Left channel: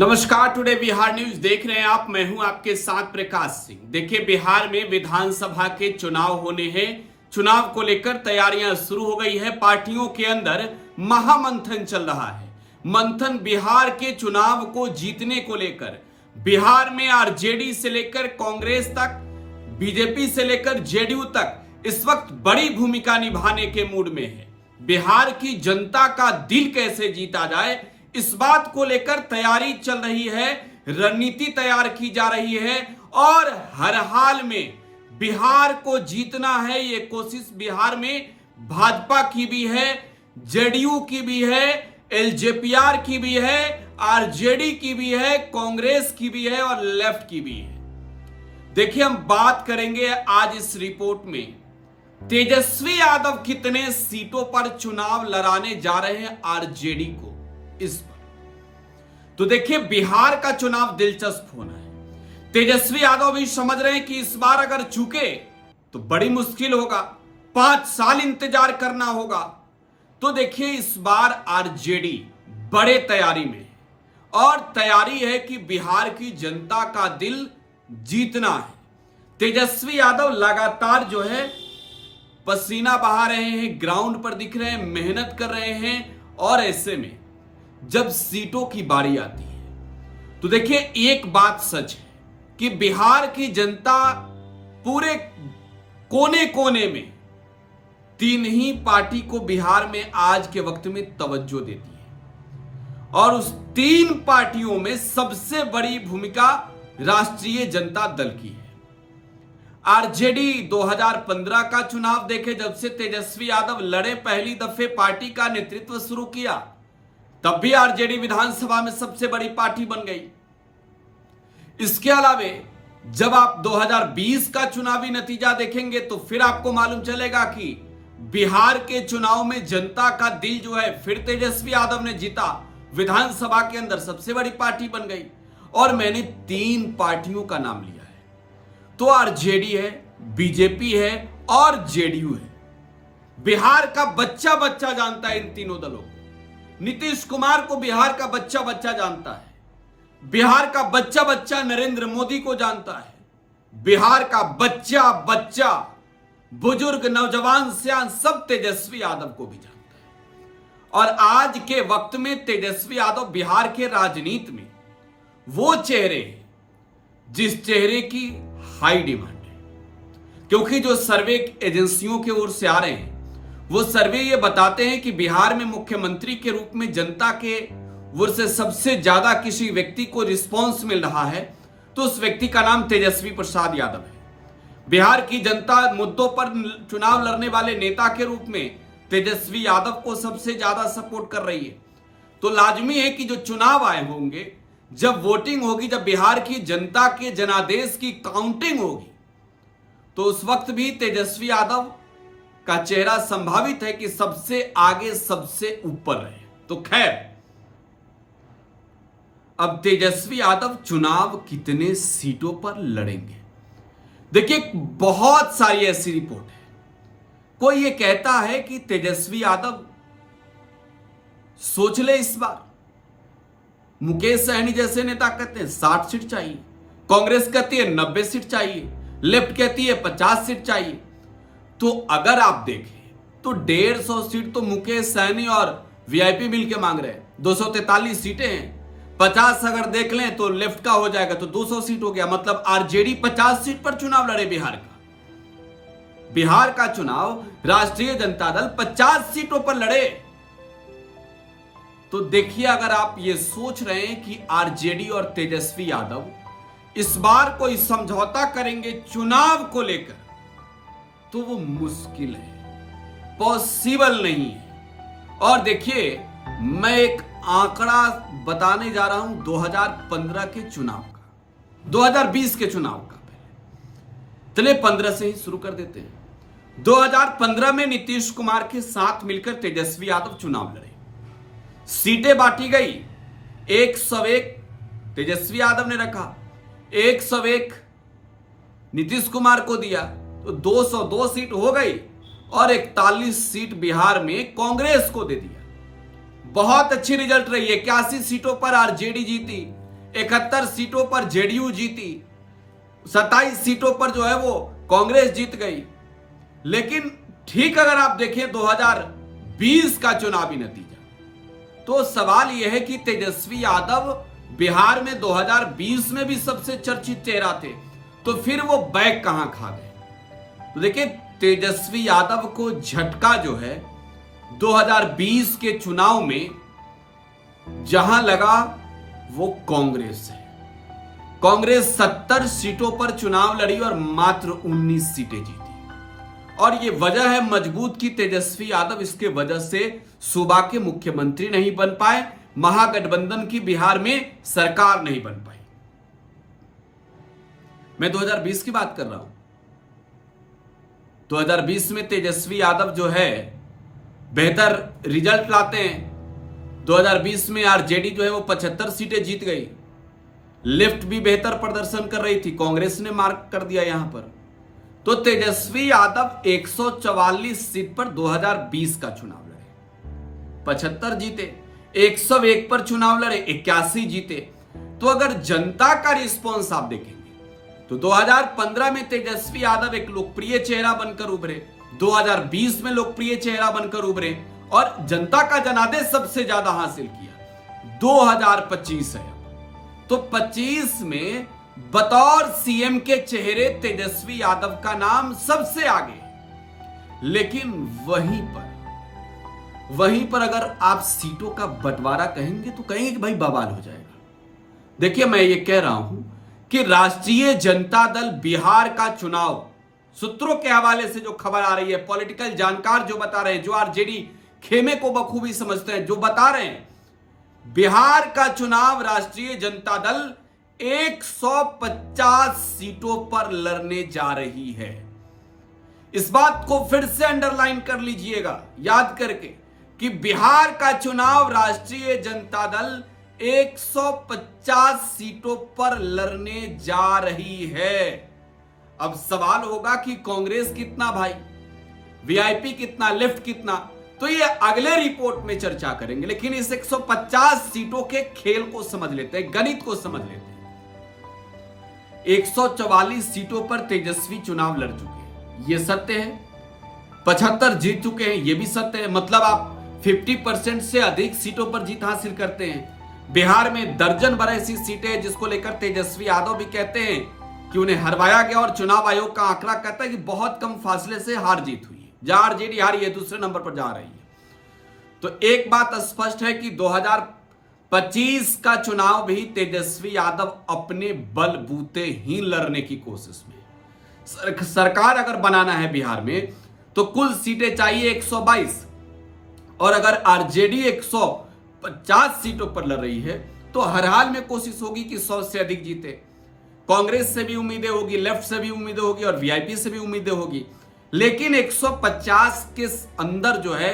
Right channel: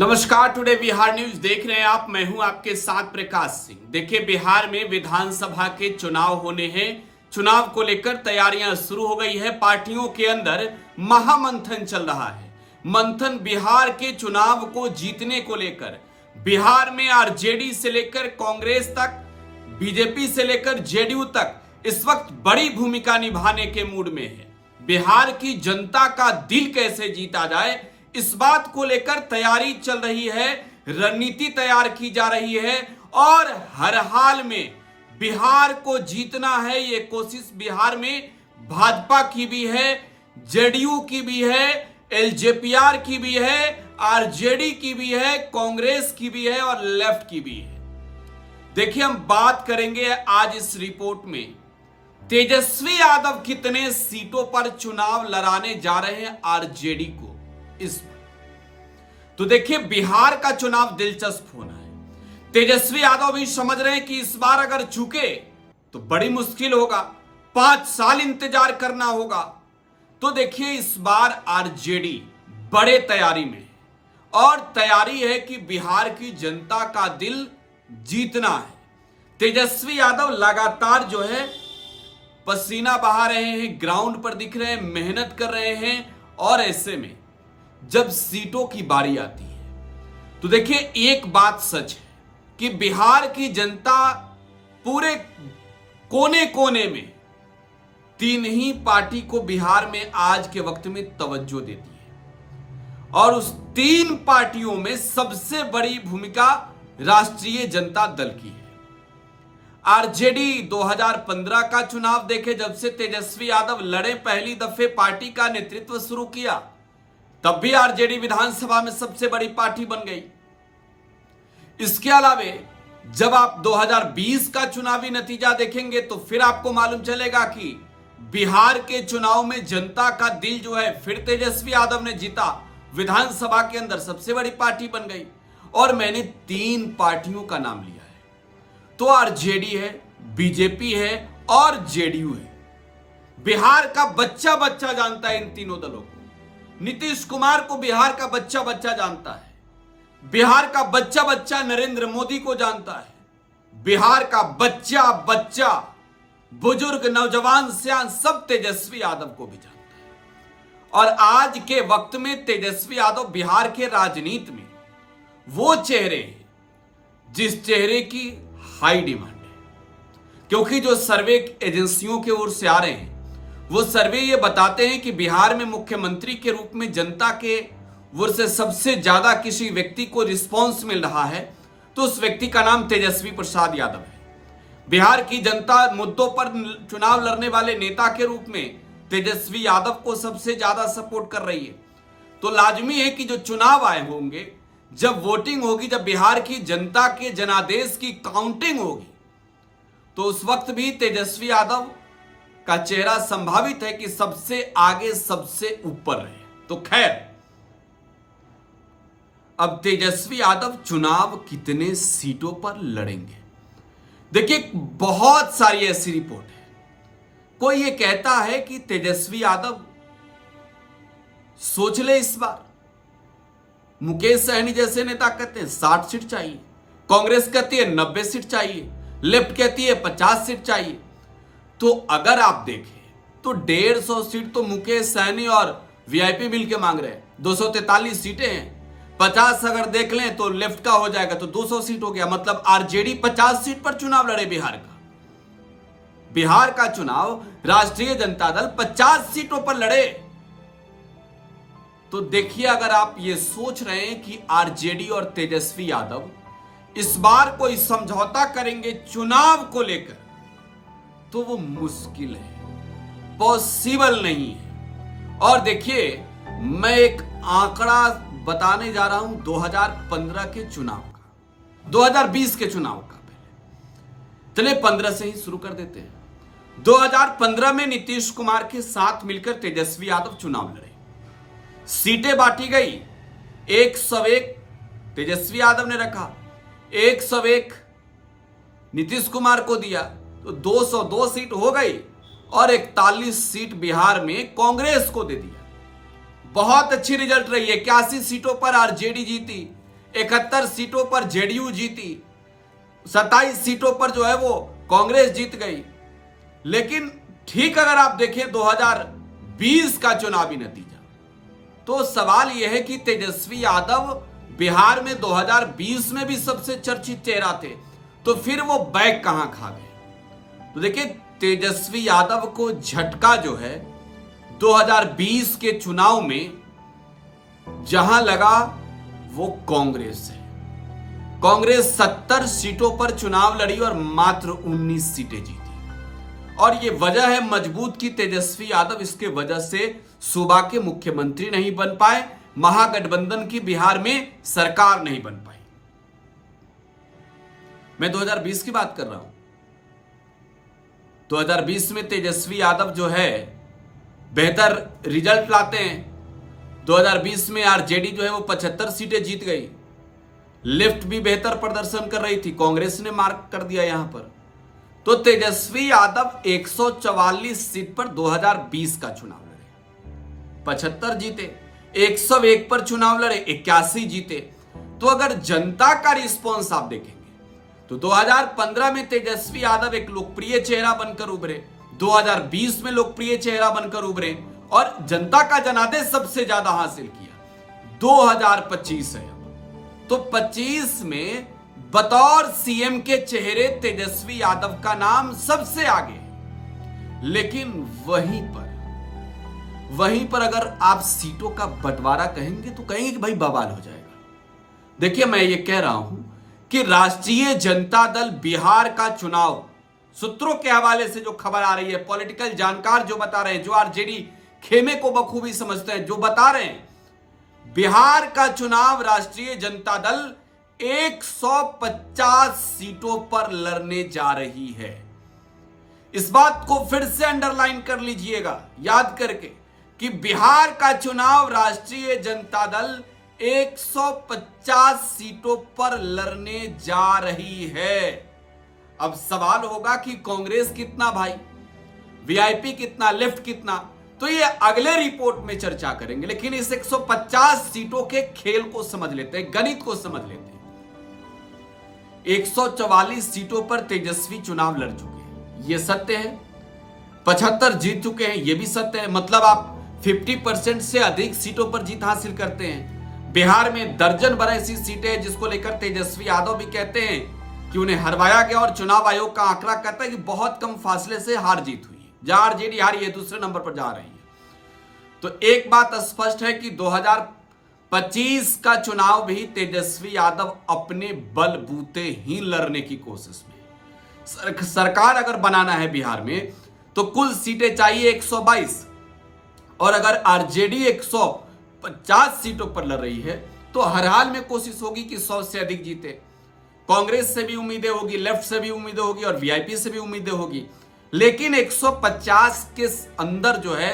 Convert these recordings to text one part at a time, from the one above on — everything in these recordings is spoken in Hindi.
नमस्कार, टुडे बिहार न्यूज देख रहे हैं आप। मैं हूं आपके साथ प्रकाश सिंह। देखिए, बिहार में विधानसभा के चुनाव होने हैं। चुनाव को लेकर तैयारियां शुरू हो गई है। पार्टियों के अंदर महामंथन चल रहा है। मंथन बिहार के चुनाव को जीतने को लेकर। बिहार में आरजेडी से लेकर कांग्रेस तक, बीजेपी से लेकर जेडीयू तक इस वक्त बड़ी भूमिका निभाने के मूड में है। बिहार की जनता का दिल कैसे जीता जाए, इस बात को लेकर तैयारी चल रही है, रणनीति तैयार की जा रही है और हर हाल में बिहार को जीतना है। ये कोशिश बिहार में भाजपा की भी है, जेडीयू की भी है, एलजेपीआर की भी है, आरजेडी की भी है, कांग्रेस की भी है और लेफ्ट की भी है। देखिए, हम बात करेंगे आज इस रिपोर्ट में तेजस्वी यादव कितने सीटों पर चुनाव लड़ाने जा रहे हैं आरजेडी को, इस पर। तो देखिए, बिहार का चुनाव दिलचस्प होना है। तेजस्वी यादव भी समझ रहे हैं कि इस बार अगर चूके तो बड़ी मुश्किल होगा, 5 साल इंतजार करना होगा। तो देखिए, इस बार आरजेडी बड़े तैयारी में है और तैयारी है कि बिहार की जनता का दिल जीतना है। तेजस्वी यादव लगातार जो है पसीना बहा रहे हैं, ग्राउंड पर दिख रहे हैं, मेहनत कर रहे हैं। और ऐसे में जब सीटों की बारी आती है तो देखिए, एक बात सच है कि बिहार की जनता पूरे कोने कोने में 3 ही पार्टी को बिहार में आज के वक्त में तवज्जो देती है और उस 3 पार्टियों में सबसे बड़ी भूमिका राष्ट्रीय जनता दल की है। आरजेडी 2015 का चुनाव देखे, जब से तेजस्वी यादव लड़े, पहली दफे पार्टी का नेतृत्व शुरू किया, तब भी आरजेडी विधानसभा में सबसे बड़ी पार्टी बन गई। इसके अलावे जब आप 2020 का चुनावी नतीजा देखेंगे तो फिर आपको मालूम चलेगा कि बिहार के चुनाव में जनता का दिल जो है फिर तेजस्वी यादव ने जीता, विधानसभा के अंदर सबसे बड़ी पार्टी बन गई। और मैंने 3 पार्टियों का नाम लिया है, तो आरजेडी है, बीजेपी है और जेडीयू है। बिहार का बच्चा बच्चा जानता है इन तीनों दलों को। नीतीश कुमार को बिहार का बच्चा बच्चा जानता है, बिहार का बच्चा बच्चा नरेंद्र मोदी को जानता है, बिहार का बच्चा बच्चा बुजुर्ग, नौजवान, सियान सब तेजस्वी यादव को भी जानता है। और आज के वक्त में तेजस्वी यादव बिहार के राजनीति में वो चेहरे हैं जिस चेहरे की हाई डिमांड है, क्योंकि जो सर्वे एजेंसियों की ओर से आ रहे हैं वो सर्वे ये बताते हैं कि बिहार में मुख्यमंत्री के रूप में जनता के ओर से सबसे ज्यादा किसी व्यक्ति को रिस्पॉन्स मिल रहा है तो उस व्यक्ति का नाम तेजस्वी प्रसाद यादव है। बिहार की जनता मुद्दों पर चुनाव लड़ने वाले नेता के रूप में तेजस्वी यादव को सबसे ज्यादा सपोर्ट कर रही है। तो लाजमी है कि जो चुनाव आए होंगे, जब वोटिंग होगी, जब बिहार की जनता के जनादेश की काउंटिंग होगी, तो उस वक्त भी तेजस्वी यादव का चेहरा संभावित है कि सबसे आगे, सबसे ऊपर रहे। तो खैर, अब तेजस्वी यादव चुनाव कितने सीटों पर लड़ेंगे? देखिए, बहुत सारी ऐसी रिपोर्ट है। कोई ये कहता है कि तेजस्वी यादव सोच ले इस बार। मुकेश सहनी जैसे नेता कहते हैं 60 सीट चाहिए, कांग्रेस कहती है 90 सीट चाहिए, लेफ्ट कहती है 50 सीट चाहिए। तो अगर आप देखें तो 150 सीट तो मुकेश सहनी और वीआईपी मिलकर मांग रहे हैं। 243 सीटें हैं, 50 अगर देख लें तो लेफ्ट का हो जाएगा तो 200 सीट हो गया। मतलब आरजेडी 50 सीट पर चुनाव लड़े बिहार का चुनाव राष्ट्रीय जनता दल 50 सीटों पर लड़े। तो देखिए, अगर आप ये सोच रहे हैं कि आरजेडी और तेजस्वी यादव इस बार कोई समझौता करेंगे चुनाव को लेकर, तो वो मुश्किल है, पॉसिबल नहीं है। और देखिए, मैं एक आंकड़ा बताने जा रहा हूं 2015 के चुनाव का, 2020 के चुनाव का। पहले चलिए 15 से ही शुरू कर देते हैं। 2015 में नीतीश कुमार के साथ मिलकर तेजस्वी यादव चुनाव लड़े। सीटें बांटी गई, 101 तेजस्वी यादव ने रखा, 101 नीतीश कुमार को दिया, तो 202 सीट हो गई और 41 सीट बिहार में कांग्रेस को दे दिया। बहुत अच्छी रिजल्ट रही है। 81 सीटों पर आरजेडी जीती, 71 सीटों पर जेडीयू जीती, 27 सीटों पर जो है वो कांग्रेस जीत गई। लेकिन ठीक अगर आप देखें 2020 का चुनावी नतीजा, तो सवाल यह है कि तेजस्वी यादव बिहार में 2020 में भी सबसे चर्चित चेहरा थे, तो फिर वो बैग कहां खा गए। तो देखिए, तेजस्वी यादव को झटका जो है 2020 के चुनाव में जहां लगा वो कांग्रेस है। कांग्रेस 70 सीटों पर चुनाव लड़ी और मात्र 19 सीटें जीती। और ये वजह है मजबूत की तेजस्वी यादव इसके वजह से सूबा के मुख्यमंत्री नहीं बन पाए, महागठबंधन की बिहार में सरकार नहीं बन पाई। मैं 2020 की बात कर रहा हूं। 2020 में तेजस्वी यादव जो है बेहतर रिजल्ट लाते हैं। 2020 में आरजेडी जो है वो 75 सीटें जीत गई। लेफ्ट भी बेहतर प्रदर्शन कर रही थी, कांग्रेस ने मार्क कर दिया यहां पर। तो तेजस्वी यादव 144 सीट पर 2020 का चुनाव लड़े, 75 जीते। 101 पर चुनाव लड़े, 81 जीते। तो अगर जनता का रिस्पॉन्स आप देखेंगे तो 2015 में तेजस्वी यादव एक लोकप्रिय चेहरा बनकर उभरे, 2020 में लोकप्रिय चेहरा बनकर उभरे और जनता का जनादेश सबसे ज्यादा हासिल किया। 2025 है, तो 25 में बतौर सीएम के चेहरे तेजस्वी यादव का नाम सबसे आगे है। लेकिन वहीं पर अगर आप सीटों का बंटवारा कहेंगे तो कहेंगे कि भाई बवाल हो जाएगा। देखिए, मैं ये कह रहा हूं कि राष्ट्रीय जनता दल बिहार का चुनाव, सूत्रों के हवाले से जो खबर आ रही है, पॉलिटिकल जानकार जो बता रहे हैं, जो आरजेडी खेमे को बखूबी समझते हैं, जो बता रहे हैं, बिहार का चुनाव राष्ट्रीय जनता दल 150 सीटों पर लड़ने जा रही है। इस बात को फिर से अंडरलाइन कर लीजिएगा याद करके कि बिहार का चुनाव राष्ट्रीय जनता दल 150 सीटों पर लड़ने जा रही है। अब सवाल होगा कि कांग्रेस कितना भाई, वीआईपी कितना, लेफ्ट कितना, तो ये अगले रिपोर्ट में चर्चा करेंगे। लेकिन इस 150 सीटों के खेल को समझ लेते हैं, गणित को समझ लेते हैं। 144 सीटों पर तेजस्वी चुनाव लड़ चुके हैं, ये सत्य है। 75 जीत चुके हैं, ये भी सत्य है। मतलब आप 50% से अधिक सीटों पर जीत हासिल करते हैं। बिहार में दर्जन भर ऐसी सीटें जिसको लेकर तेजस्वी यादव भी कहते हैं कि उन्हें हरवाया गया और चुनाव आयोग का आंकड़ा कहता है कि बहुत कम फासले से हार जीत हुई है। जहां आरजेडी हारी है, दूसरे नंबर पर जा रही है। तो एक बात स्पष्ट है कि 2025 का चुनाव भी तेजस्वी यादव अपने बलबूते ही लड़ने की कोशिश में। सरकार अगर बनाना है बिहार में तो कुल सीटें चाहिए 122, और अगर आरजेडी 150 सीटों पर लड़ रही है तो हर हाल में कोशिश होगी कि 100 से अधिक जीते। कांग्रेस से भी उम्मीदें होगी, लेफ्ट से भी उम्मीदें होगी और वीआईपी से भी उम्मीदें होगी। लेकिन 150 के अंदर जो है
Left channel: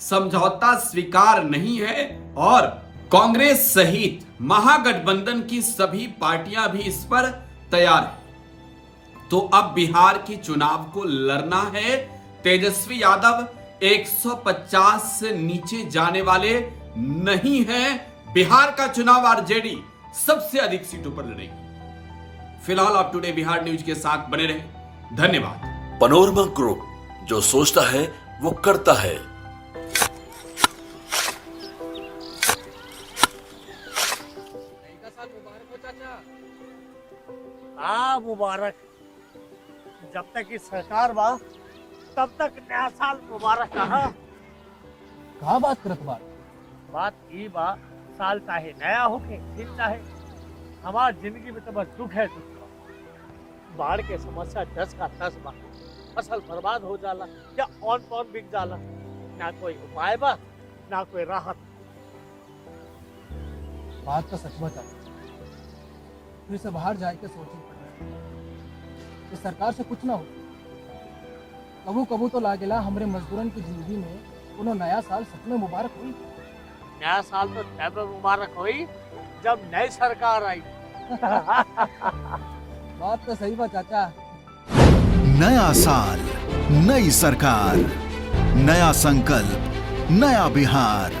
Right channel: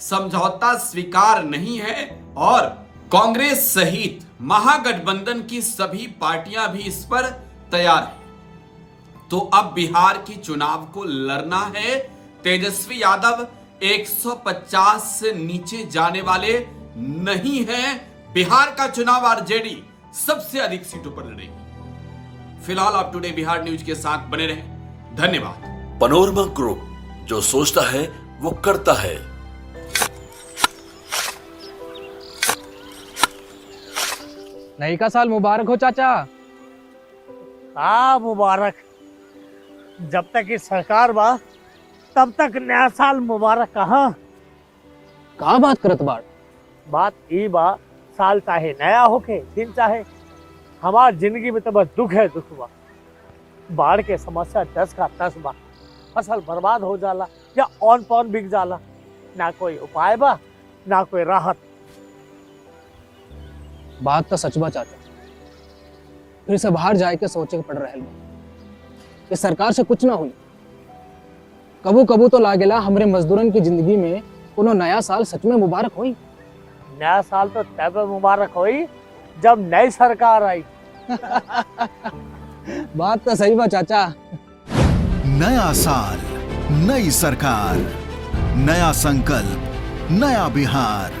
समझौता स्वीकार नहीं है और कांग्रेस सहित महागठबंधन की सभी पार्टियां भी इस पर तैयार हैं। तो अब बिहार की चुनाव को लड़ना है। तेजस्वी यादव 150 से नीचे जाने वाले नहीं हैं। बिहार का चुनाव आरजेडी सबसे अधिक सीटों पर लड़ेगी। फिलहाल आप टुडे बिहार न्यूज के साथ बने रहें। धन्यवाद। पनोरमा ग्रुप, जो सोचता है वो करता है। नई का साल मुबारक हो चाचा। हाँ मुबारक। जब तक की सरकार बा तब तक नया साल मुबारक। कहाँ का बात करत बाड़? बात ई बा, साल चाहे नया होके दिन चाहे, हमार जिंदगी में तो बस दुख है, दुख बा। बाढ़ के समस्या 10 का 10 बा। फसल बर्बाद हो जाला या ऑन पॉन बिक जाला, ना कोई उपाय बा ना कोई राहत। बात तो सच बा चाचा। फिर से बाहर जाए के सोचे के पड़ रहे कि सरकार से कुछ ना हुई। कबू कबू तो लागेला हमरे मजदूरन की जिंदगी में कोनो नया साल सच में मुबारक होई। नया साल तो तब मुबारक होई जब नई सरकार आई। बात तो सही बा चाचा। नया साल, नई सरकार, नया संकल्प, नया बिहार।